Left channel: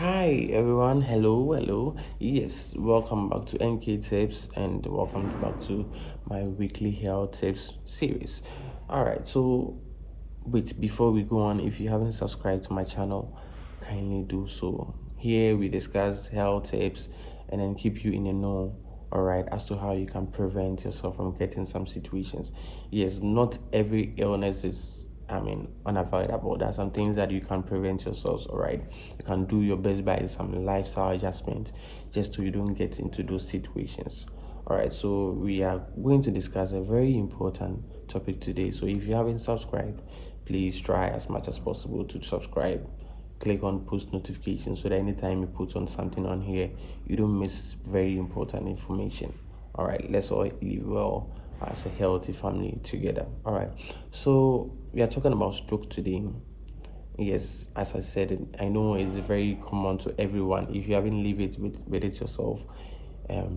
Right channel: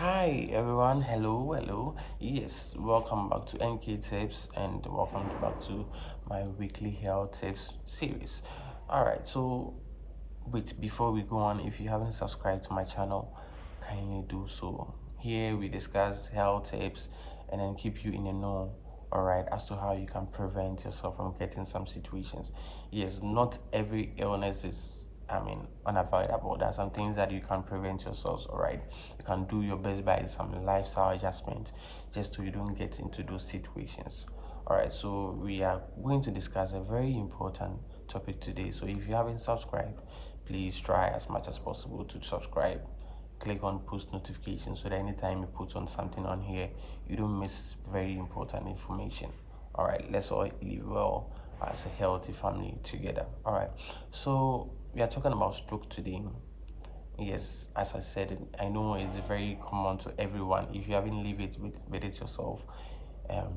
Hi everyone, hello. Yes, welcome back to NK Tips and welcome back to my weekly health tips series. All right, so wait, before we go on, if you haven't subscribed to my channel, kindly do so. Here we discuss health tips and then keep you in the know, all right, as to how you can prevent yourself from getting some situations. Yes, not every illness is unavoidable. There are some things that you can prevent yourselves, all right. You can do your best by some lifestyle adjustment just so you don't get into those situations. All right, so we are going to discuss a very important topic today. So if you haven't subscribed, please try as much as possible to subscribe. Click on post notifications so that anytime you put on something on here, you don't miss very important information. All right, let's all live well as a healthy family together. All right, so we are talking about stroke today. Yes, as I said, I know it's very common to everyone. If you haven't lived it with it yourself,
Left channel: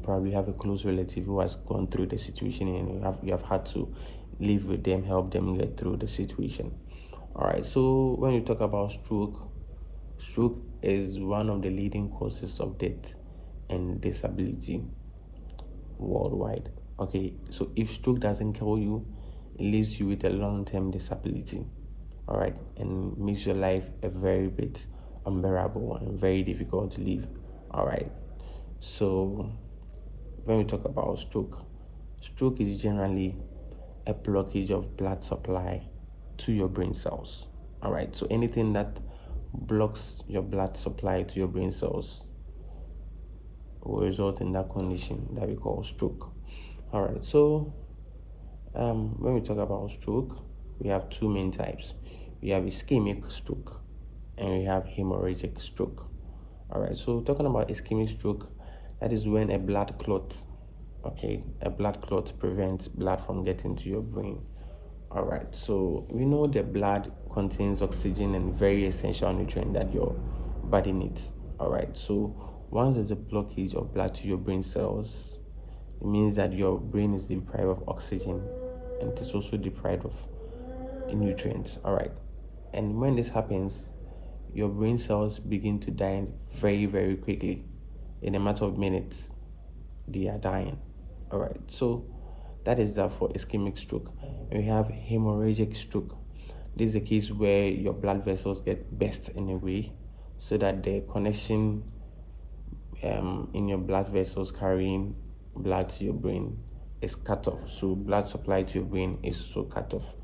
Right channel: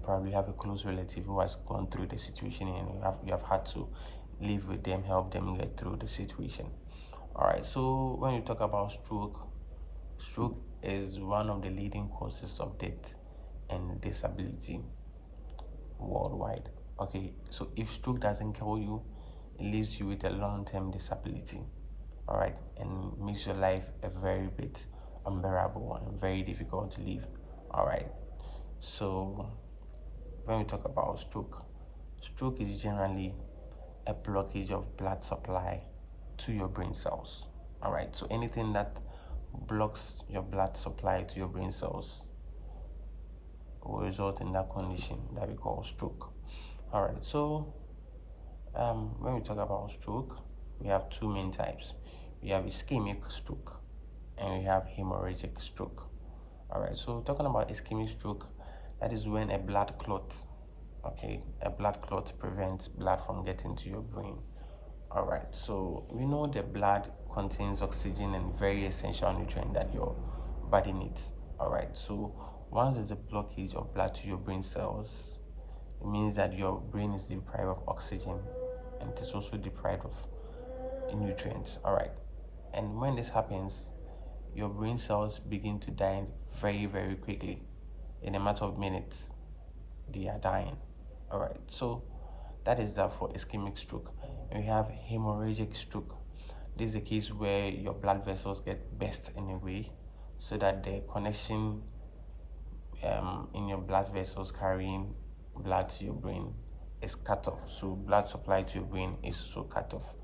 probably have a close relative who has gone through the situation and you have had to live with them, help them get through the situation. All right, so when you talk about stroke is one of the leading causes of death and disability worldwide. Okay, so if stroke doesn't kill you, it leaves you with a long-term disability, all right, and makes your life a very bit unbearable and very difficult to live. All right, so when we talk about stroke is generally a blockage of blood supply to your brain cells. All right, so anything that blocks your blood supply to your brain cells will result in that condition that we call stroke. All right, so when we talk about stroke, we have two main types. We have ischemic stroke and we have hemorrhagic stroke. All right, so talking about ischemic stroke, that is when a blood clot, okay, a blood clot prevents blood from getting to your brain. All right, so we know the blood contains oxygen and very essential nutrient that your body needs. All right, so once there's a blockage of blood to your brain cells, it means that your brain is deprived of oxygen and it is also deprived of nutrients. All right, and when this happens, your brain cells begin to die very quickly. In a matter of minutes, they are dying. All right, so that is that for ischemic stroke. And we have hemorrhagic stroke. This is the case where your blood vessels get burst in a way so that the connection in your blood vessels carrying blood to your brain is cut off. So blood supply to your brain is also cut off.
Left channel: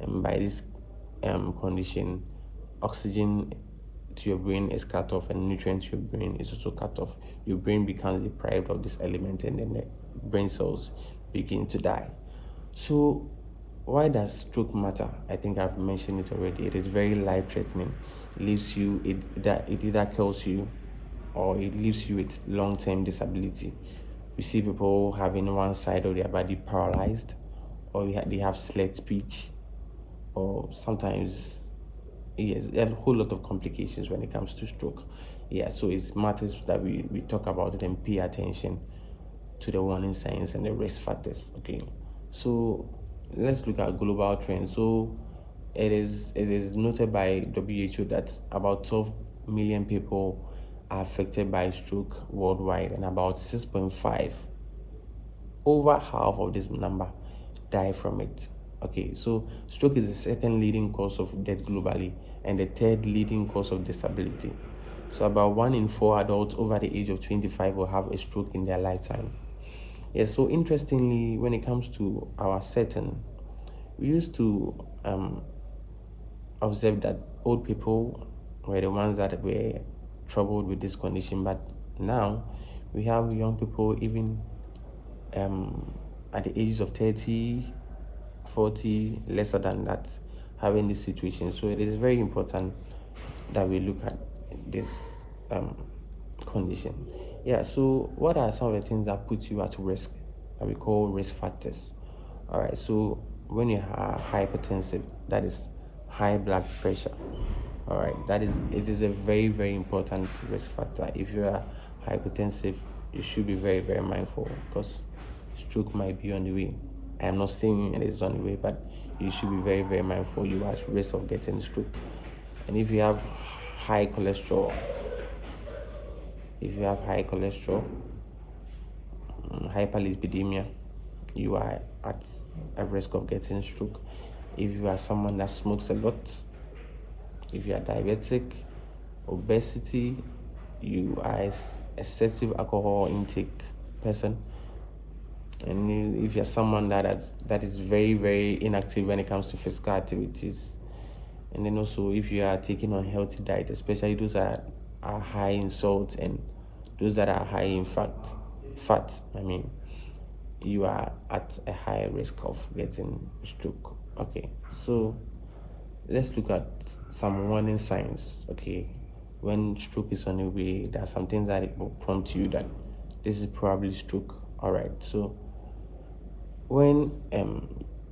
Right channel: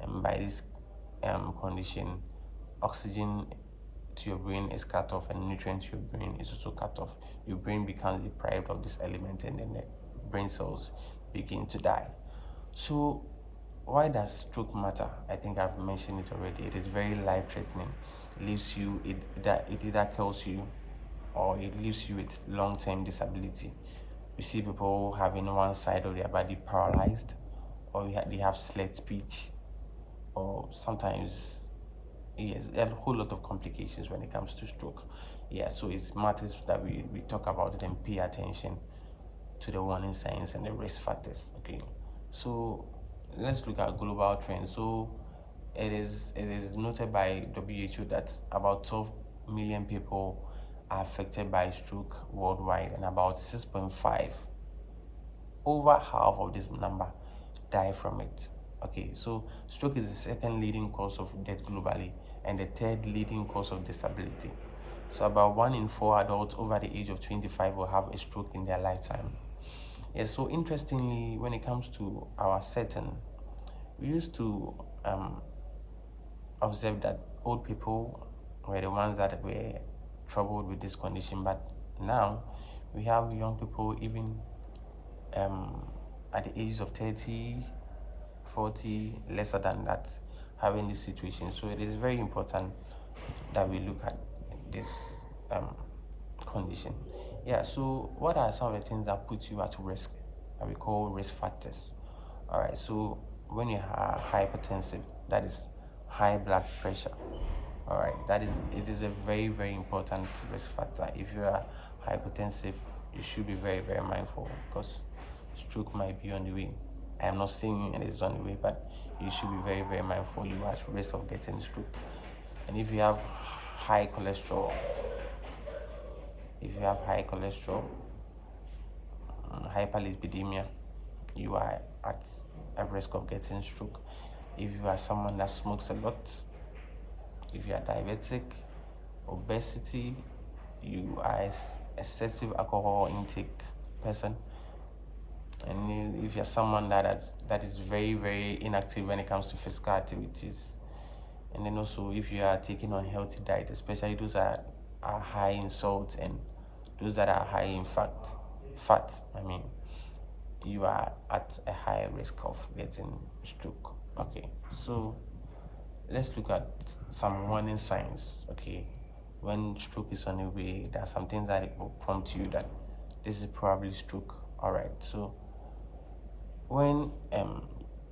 And by this condition, oxygen to your brain is cut off and nutrients to your brain is also cut off. Your brain becomes deprived of this element and then the brain cells begin to die. So why does stroke matter? I think I've mentioned it already. It is very life threatening. It leaves you, it either kills you or it leaves you with long-term disability. We see people having one side of their body paralyzed, or they have slurred speech, or sometimes yes, there are a whole lot of complications when it comes to stroke. Yeah, so it matters that we talk about it and pay attention to the warning signs and the risk factors. Okay, so let's look at global trends. So it is noted by WHO that about 12 million people are affected by stroke worldwide, and about 6.5, over half of this number, die from it. Okay, so stroke is the second leading cause of death globally and the third leading cause of disability. So about 1 in 4 adults over the age of 25 will have a stroke in their lifetime. Yes, so interestingly, when it comes to our setting, we used to observe that old people were the ones that were troubled with this condition, but now we have young people even at the ages of 30, 40, lesser than that, having this situation. So it is very important that we look at this condition. Yeah, so what are some of the things that put you at risk that we call risk factors? All right, so when you are hypertensive, that is high blood pressure. All right, it is a very important risk factor. If you are hypertensive, you should be very mindful because stroke might be on the way. I am not saying it is on the way, but you should be very mindful. You are at risk of getting stroke. And if you have high cholesterol, If you have high cholesterol, hyperlipidemia, you are at a risk of getting stroke. If you are someone that smokes a lot, if you are diabetic, obesity, you are excessive alcohol intake person, and if you're someone that is very very inactive when it comes to physical activities, and then also if you are taking unhealthy diet, especially those that are high in salt and those that are high in fat, I mean, you are at a high risk of getting stroke. Okay, so let's look at some warning signs. Okay, when stroke is on the way, there are some things that it will prompt you that this is probably stroke. All right, so when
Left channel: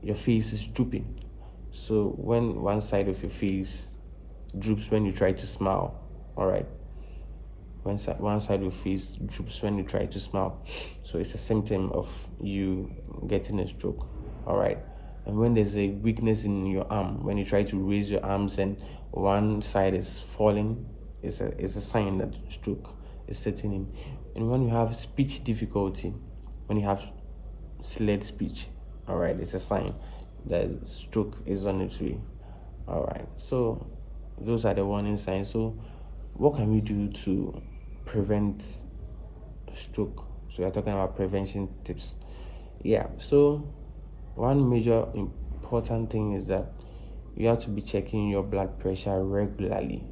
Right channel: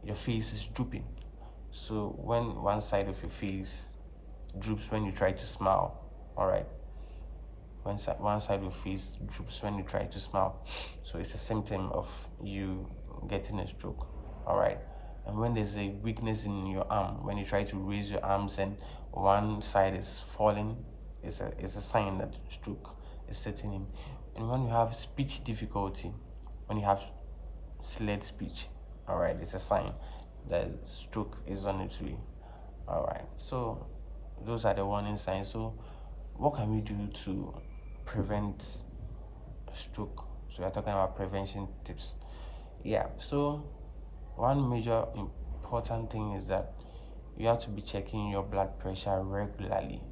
your face is drooping, so when one side of your face droops when you try to smile, all right, when one side of your face droops when you try to smile, so it's a symptom of you getting a stroke. All right, and when there's a weakness in your arm, when you try to raise your arms and one side is falling, it's a sign that stroke is setting in. And when you have speech difficulty, when you have slurred speech, all right, it's a sign that stroke is on its way. All right, so those are the warning signs. So what can we do to prevent stroke? So we're talking about prevention tips. Yeah, so one major important thing is that you have to be checking your blood pressure regularly.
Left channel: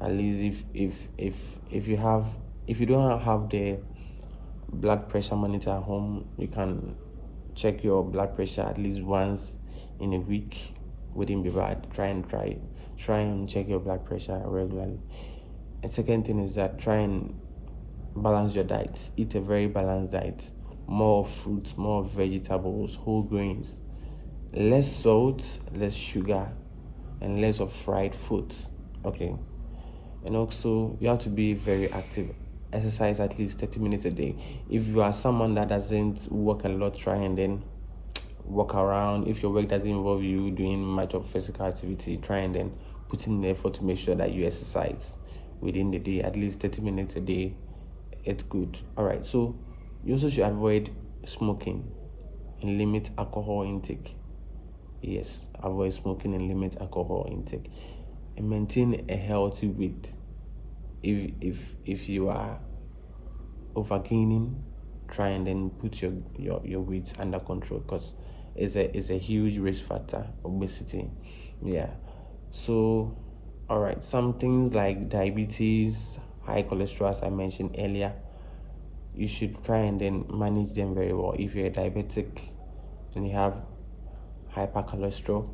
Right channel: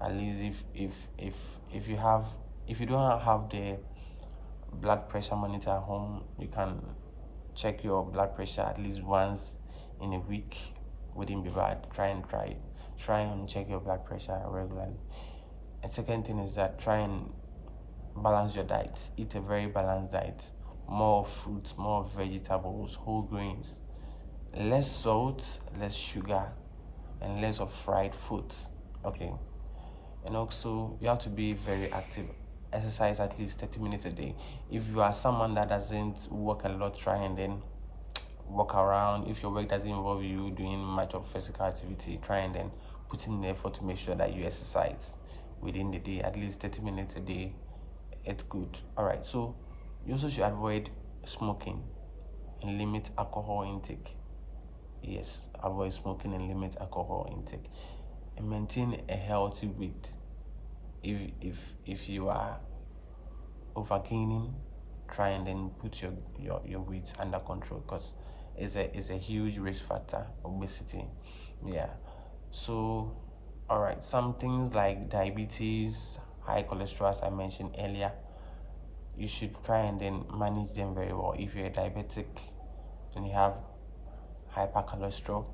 At least if you have, if you don't have the blood pressure monitor at home, you can check your blood pressure at least once in a week. Wouldn't be bad. Try and check your blood pressure regularly. And second thing is that try and balance your diet. Eat a very balanced diet. More fruits, more vegetables, whole grains, less salt, less sugar, and less of fried foods. Okay. And also you have to be very active. Exercise at least 30 minutes a day. If you are someone that doesn't work a lot, try and then walk around. If your work doesn't involve you doing much of physical activity, try and then put in the effort to make sure that you exercise within the day, at least 30 minutes a day. It's good. All right, so you also should avoid smoking and limit alcohol intake. Yes, avoid smoking and limit alcohol intake, and maintain a healthy weight. If you are overgaining, try and then put your weight under control, because it's a huge risk factor, obesity. Yeah, so all right, some things like diabetes, high cholesterol, as I mentioned earlier, you should try and then manage them very well. If you're a diabetic and you have hypercholesterol,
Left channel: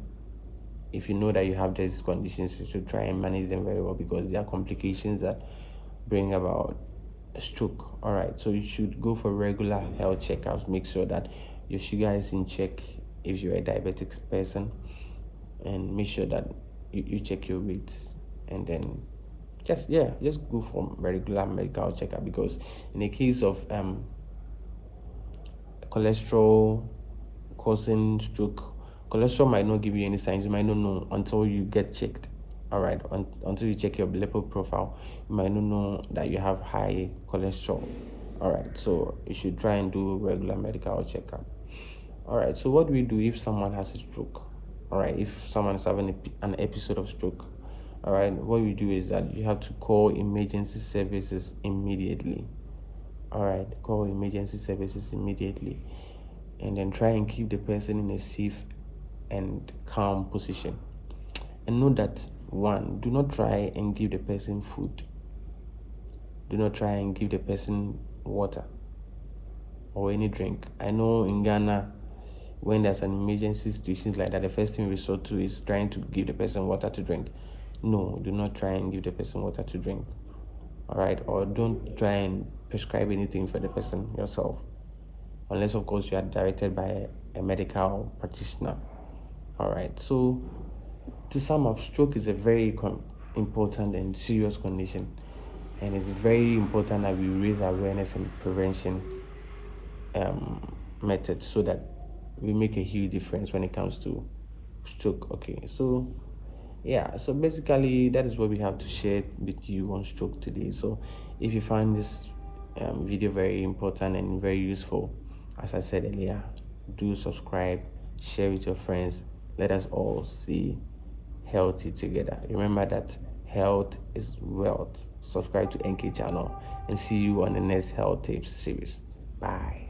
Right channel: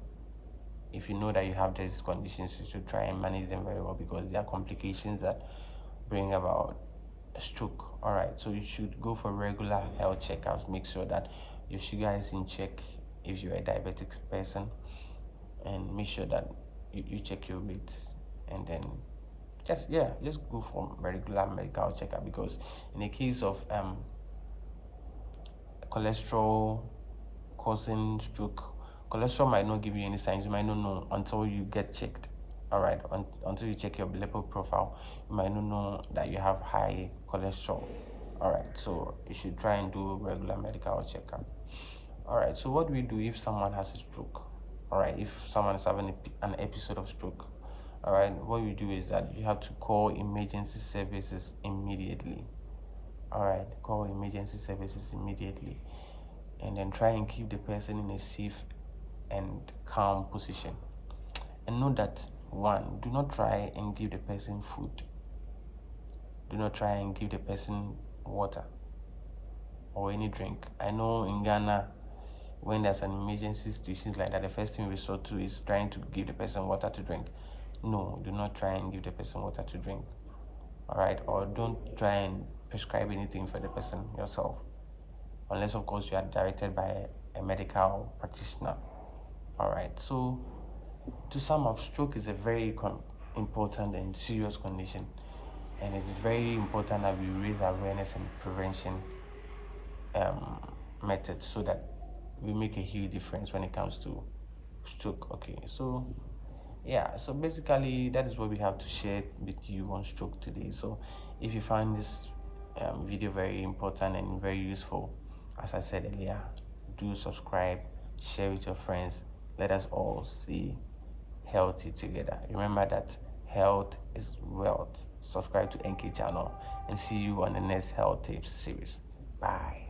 if you know that you have these conditions, you should try and manage them very well, because there are complications that bring about a stroke. All right, so you should go for regular health checkups. Make sure that your sugar is in check if you're a diabetic person, and make sure that you check your weight, and then just go for regular medical checkup, because in the case of cholesterol causing stroke, cholesterol might not give you any signs. You might not know until you get checked. All right, until you check your lipid profile, you might not know that you have high cholesterol. All right, so you should try and do regular medical checkup. All right, so what do we do if someone has a stroke? All right, if someone is having an episode of stroke, all right, what you do is that you have to call emergency services immediately. All right, call emergency services immediately, and then try and keep the person in a safe and calm position. And know that, one, do not try and give the person food. Do not try and give the person water or any drink. I know in Ghana, when there's an emergency situation like that, the first thing we resort to is trying to give the person water to drink. No, do not try and give the person water to drink. All right, or don't try and prescribe anything for the person yourself, unless of course you are directed by a medical practitioner. All right, so to sum up, stroke is a very important and serious condition, and it's very important that we raise awareness and prevention um, methods, so that we make a huge difference when it comes to stroke. Okay, so Yeah, so basically that is what we have to share with you on stroke today. So if you find this video very important and very useful, as I said earlier, do subscribe, share with your friends. Let us all see healthy together. Remember that health is wealth. Subscribe to NK channel and see you on the next health tips series. Bye.